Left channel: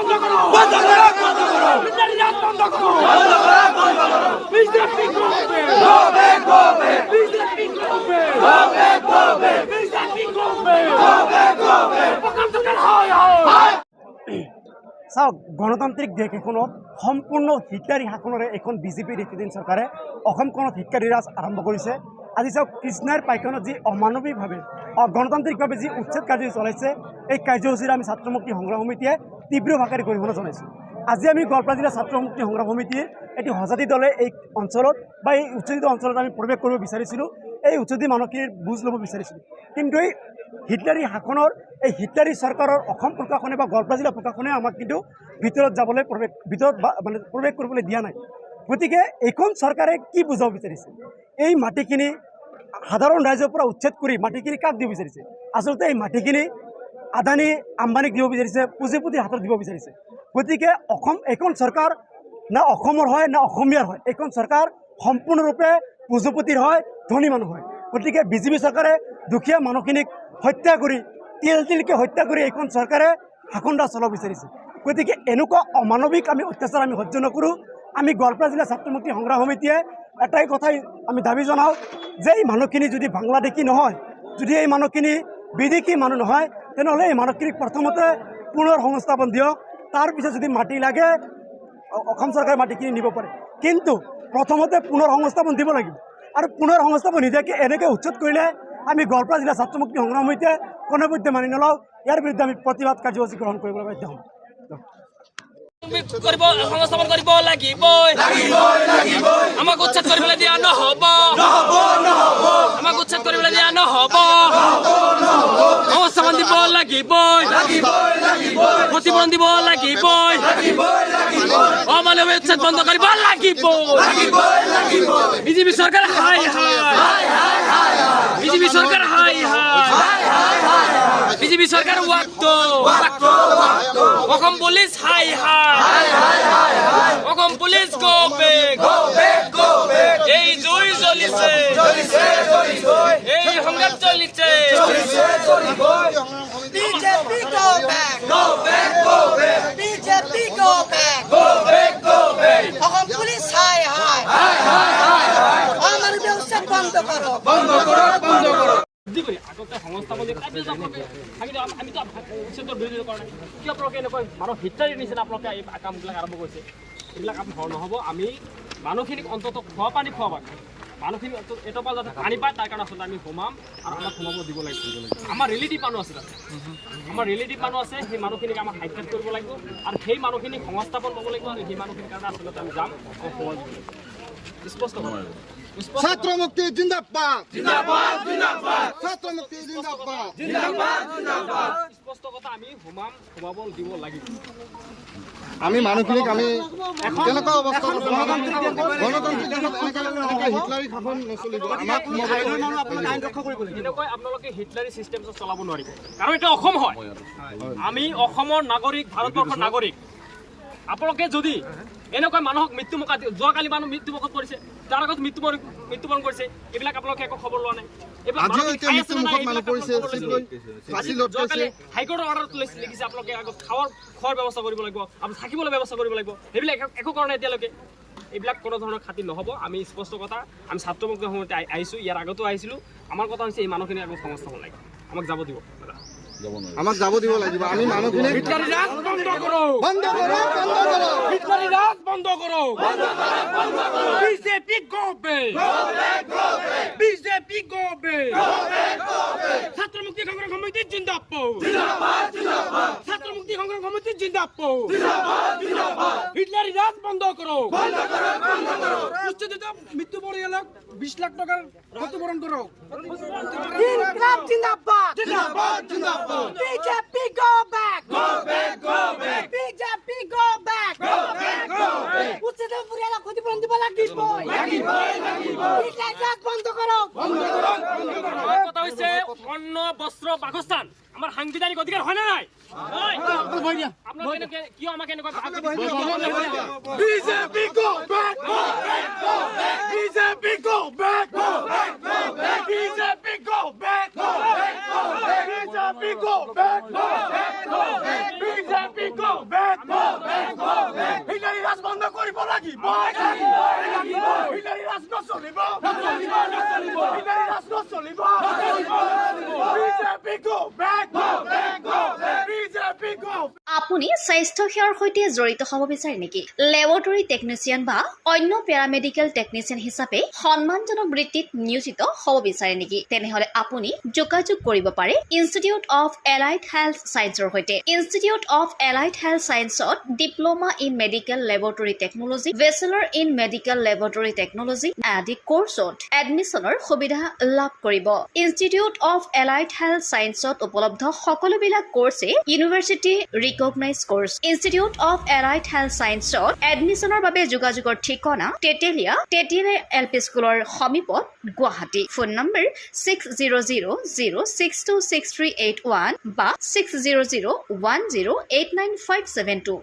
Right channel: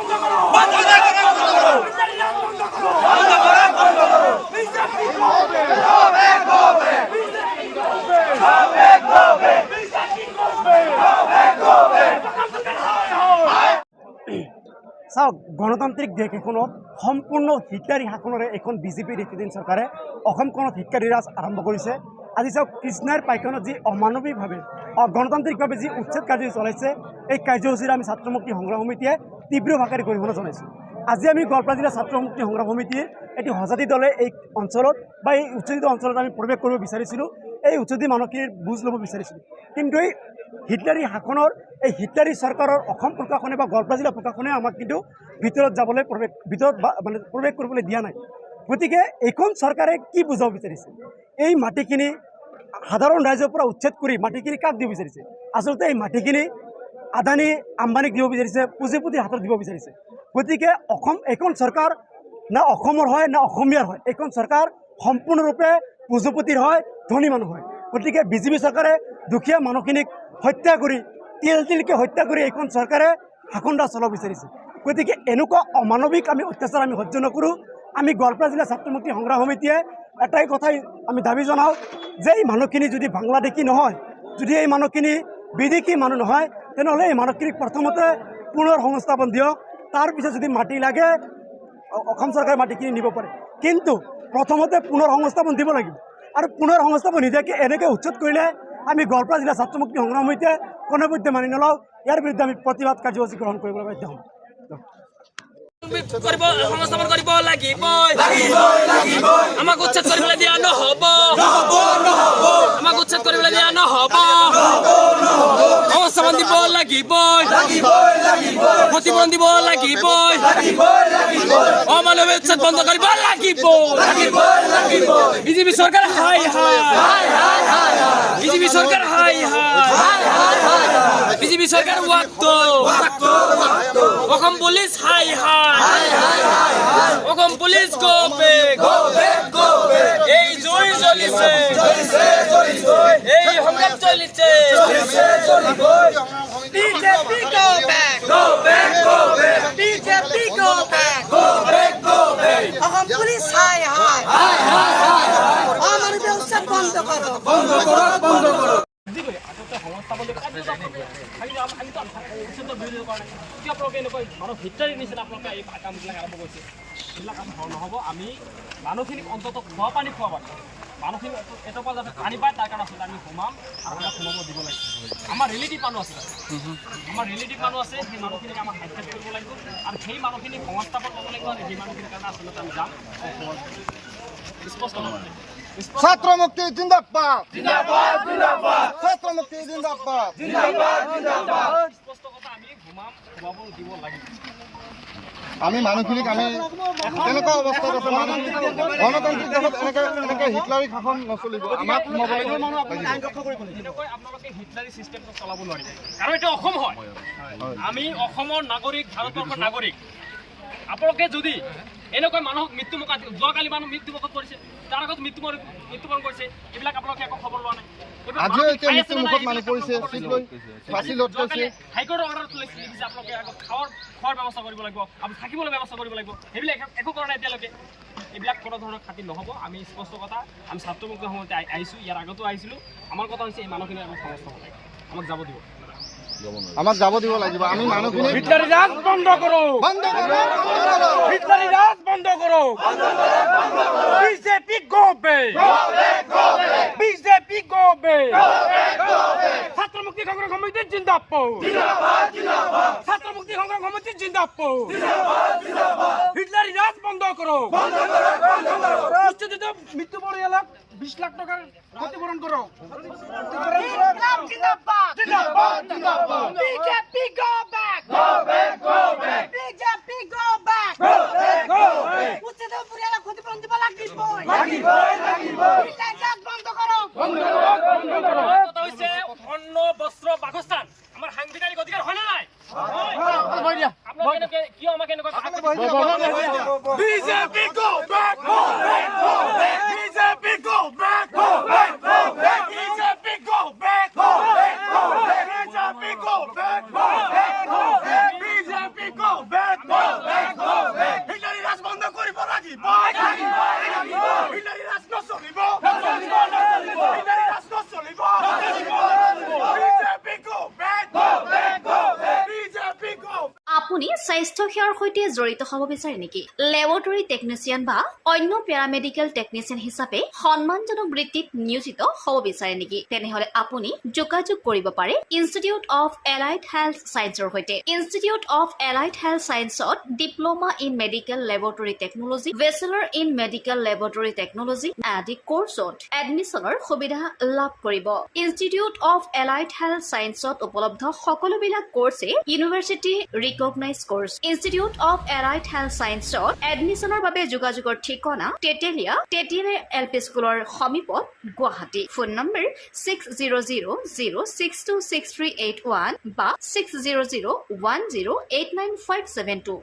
বন্ধ করো। বন্ধ করো, বন্ধ করো। হিটলারি রাজ বন্ধ করো। বন্ধ করো, বন্ধ করো। বিজেপি করবে। Go back, বিজেপি করবে। Go back, বিজেপি করবে। Go back, go হয় হয় চাওক গণতান্ত্ৰিক দেশ এখনত সম্পূৰ্ণ হিটলাৰী শাসনেৰে এখন বিজেপি নেতৃত্বাধীন চৰকাৰে অসমখনত হিটলাৰী ৰাজ আৰম্ভ কৰিছে। আজি চাওক কৃষ্ণাৰ পাইখনত যি অমানৱিকভাৱে অ, গণতান্ত্ৰিকভাৱে যি উচ্ছেদ কাৰ্য চলাইছে এই কাৰ্যসূচীৰে আমি ছাত্ৰ মুক্তি সংগ্ৰাম সমিতিয়ে ভাষাৰে গৰিহণা জনাইছোঁ আজি আমি গোৱালপাৰা জিলা ছাত্ৰ মুক্তি সংগ্ৰাম সমিতিৰ এটি সজাতি দলে এই অঞ্চলত বা এই উচ্ছেদিত অঞ্চলত আমি প্ৰৱেশ কৰিব বিচাৰিছিলোঁ। এই উচ্ছেদিত মানুহখিনিৰ বুজ ল'ব বিচাৰিছিলোঁ। কিন্তু এই হিটলাৰী শাসনৰ এই চৰকাৰৰ অসম প্ৰশাসনে বা গোৱালপাৰা জিলা প্ৰশাসনে আমাক কিন্তু ভিতৰত যাবলৈ ভিতৰত বা মানে প্ৰৱেশ কৰিবলৈ দিয়া নাই। গতিকে এইখন চৰকাৰে কি বুজাব বিচাৰিছে? এই মাটিখিনি ৰাইজৰ পৰা উচ্ছেদ কৰি মাটিখিনি কাক দিব বিচাৰিছে? আচলতে এই মাটিখিনি আদানী আম্বানীক দিব বিচাৰিছে পুঁজিপতিৰ হাতত দিব বিচাৰিছে। গতিকে অসম এইখন চৰকাৰ না অসমৰ হয় না অসমীয়াৰ হয় এইখন চৰকাৰ সম্পূৰ্ণৰূপে পুঁজিপতিৰ হয় ধনী মানুহ হয়। গতিকে বিজেপি চৰকাৰে দুখীয়া মানুহখিনিক হত্যা কৰি তিল তিলকৈ হত্যা কৰি এইখন চৰকাৰে শাসনদাৰ চলাব বিচাৰিছে। গতিকে এনেকুৱা অমানৱিক আমি অত্যাচাৰ আমি সহ্য নকৰোঁ। আমি গোৱালপাৰা জিলা ছাত্ৰ মুক্তি সংগ্ৰাম সমিতিয়ে এটাই কথাই আমি দাবী জনাওঁ যে এই মানুহখিনি যদি বাংলাদেশী নহয় যদি এই মানুহখিনি বিদেশী মানুহ নহয় তেনেহ'লে এই মানুহখিনিক প্ৰথমতে পুনৰ সংস্থাপন দিয়ক। তাৰপিছত যদি মাটি লাগে অসম চৰকাৰে মাটিখিনি নিব পাৰে। কিন্তু প্ৰথমতে পুনৰ সংস্থাপন দিব লাগিব। আৰু পুনৰ সংস্থাপন নিদিয়াকৈ এনেকৈ উচ্ছেদ কৰিলে আমি গোৱালপাৰা জিলা ছাত্ৰ মুক্তি সংগ্ৰাম সমিতিয়ে কোনোপধ্যে মানি নলওঁ। ইয়াৰ বিৰুদ্ধে আমি প্ৰতিবাদ কাৰ্যসূচী গ্ৰহণ কৰিবলৈ বাধ্য হ'ম। কৰিব সংস্থাপন কৰিব লাগিবই। লাগিবই, লাগিবই। আমাক উচ্ছেদ কৰিবলৈ দিয়া নহ'ব। নহ'ব, নহ'ব। আমাক উচ্ছেদ কৰিবলৈ দিয়া নহ'ব। সংস্থাপন দিব লাগিবই লাগিবই, লাগিবই। ক্ষতিপূৰণ দিব লাগিবই লাগিবই, লাগিবই। অমানৱীয় উচ্ছেদ বন্ধ কৰিব লাগিব। বিজেপি চৰকাৰ হাই হাই বিজেপি চৰকাৰ হাই হাই বিজেপি চৰকাৰ ৱাক্ত অসম পুলিচ হাই high Assam police go back Go back, go back. এই চলিছে। এই চলিছে চলিছে, সংস্থাপন আমি আমিতো কিয় আপোনালোকে এনেকুৱা মানুহ হিতাৰীৰ নিচিনা আপোনালোকে এই কামবিলাক আৰম্ভ কৰিছে এইবিলাক কাম নহ'ব আমি মানুহখিনিক অন্তত খোৱা পানী খোৱা পানী মানুহখিনি এটো- পৰা যাতে পানী পায় তাৰ কাৰণে আচলতে আমি সোমাম আৰু আমাক সোমাব দিব লাগিব আমাৰ ৰিলেটিভ মানুহ আছে তাতে। আমাৰ ৰিলেটিভ মানুহ আছে সেই মানুহখিনিক আমাক সাক্ষাৎ কৰিব লাগিব আৰু সেই মানুহখিনিক সংস্থাপন পাব লাগিব আৰু সেই মানুহখিনিৰ কাৰণে আচলতে আমি যাম। আৰু সহজ স্পষ্ট। স্পষ্ট ছাত্র মুক্তি জিন্দাবাদ জিন্দাবাদ, জিন্দাবাদ। ছাত্র মুক্তি জিন্দাবাদ জিন্দাবাদ, জিন্দাবাদ। স্পষ্ট কথা আমি দিব লাগিব আমি মানুহখিনিক আমি কেনেকুৱা অৱস্থাত আছে গণতান্ত্ৰিক দেশত এনেকৈ এনেকৈ হিটলাৰী শাসন নচলিব। আমাক সোমাব লাগিব। এনেকৈ আপোনালোকে হিটলাৰী চিষ্টেম চলাব নোৱাৰিব। কাৰণ এতিয়া অসম হয়। আমি অসমৰ নাগৰিক ভাৰতবৰ্ষৰ নাগৰিক। আপোনালোকে যদি এনেকৈ মানুহক মৃত্যুমুখ যোৱাকালি মানুহ মৃত্যু মুখত পৰিছে তাৰ আগত মৃত্যু মৃত্যুবৰণ কৰিছে এইবিলাক আপোনালোকে একো খবৰ লোৱা নাই। হাইকোৰ্টৰ লিখিছে আপোনালোকে আগত খাৱাৰ খোৱাৰ ব্যৱস্থা কৰিব লাগিব আপুনি থাকিবলৈ ব্যৱস্থা কৰিব লাগিব। সেইবিলাক একো- কৰা নাই এতিয়ালৈকে। এইবিলাক কোনো ধৰণৰ খাতিৰ নহ'ব। আমি স্পষ্ট কথা আমি ছাত্ৰমুক্ত সময়তে আহি- আহিছোঁ ইয়াৰ আগতো আহিছিলোঁ। আমাৰ কথা হৈছে এই মানুহখিনিক আগত সংস্থাপন লাগে। আমাক যাব দিব। যাব দিব লাগিব। আমি মানুহখিনিক হিটলারি রাজ বন্ধ করো। বন্ধ করো বন্ধ করো। হিটলারি রাজ বন্ধ করো। BJP go back BJP go back ছাত্র মুক্তি সংগ্রাম সমিতি জিন্দাবাদ। ছাত্র মুক্তি সংগ্রাম সমিতি জিন্দাবাদ। হিটলারি রাজ বন্ধ করো। উচ্ছেদিত মৃত্যু পরিয়ালক বিশ লাখ টাকার ক্ষতিপূরণ করো। জিন্দাবাদ জিন্দাবাদ, জিন্দাবাদ। BJP go back! Go back, go back. BJP go back! Go back, go back. উচ্ছেদ পরিয়ালক ক্ষতিপূরণ দিব লাগিবই লাগিবই, লাগিবই। হিটলারি রাজ বন্ধ করো বন্ধ করো, বন্ধ করো। কথা হৈছে অন্ন বস্ত্ৰ বাসস্থান। আমাৰ সাংবিধানিক অধিকাৰ হয়নে নাই? আপোনালোকে এনেকৈ কিয় আমাক এনেকুৱা BJP go back BJP go back BJP go back BJP go back BJP go back আপুনি স্বাস্থ্য সেৱাৰ সৈতে জড়িত হ'ব বিচাৰে নেকি? লেবৰেটৰী টেকনিচিয়ান বা অন্য পেৰামেডিকেল টেকনিচিয়ান হিচাপে সন্মানজনক বৃত্তিত নিয়োজিত হ'ব বিচাৰে নেকি? তেনেহলে আপুনি যোগাযোগ কৰিব পাৰে ইনষ্টিটিউট অফ এলাইড হেল্থ ছায়েন্সৰ সৈতে। Institute of allied health ছায়েন্সত diploma in medical laboratory technology bachelor in medical laboratory technology আদি কৰ্চত এডমিশ্যনৰ সুবিধা লাভ কৰিব। ইনষ্টিটিউট অফ এলাইড হেল্থ ছায়েন্সত উপলব্ধ সকলোবিলাক কৰ্চে university recognize course institute of allied health ছায়েন্সত এডমিশ্যনৰ বাবে যোগাযোগৰ ঠিকনা তেতেলীয়া তেতেলীয়া এল পি স্কুলৰ সমীপত Guwahati. Phone number six zero' zero' zero' six two six three eight one বা six zero' zero' one zero' eight nine five seven two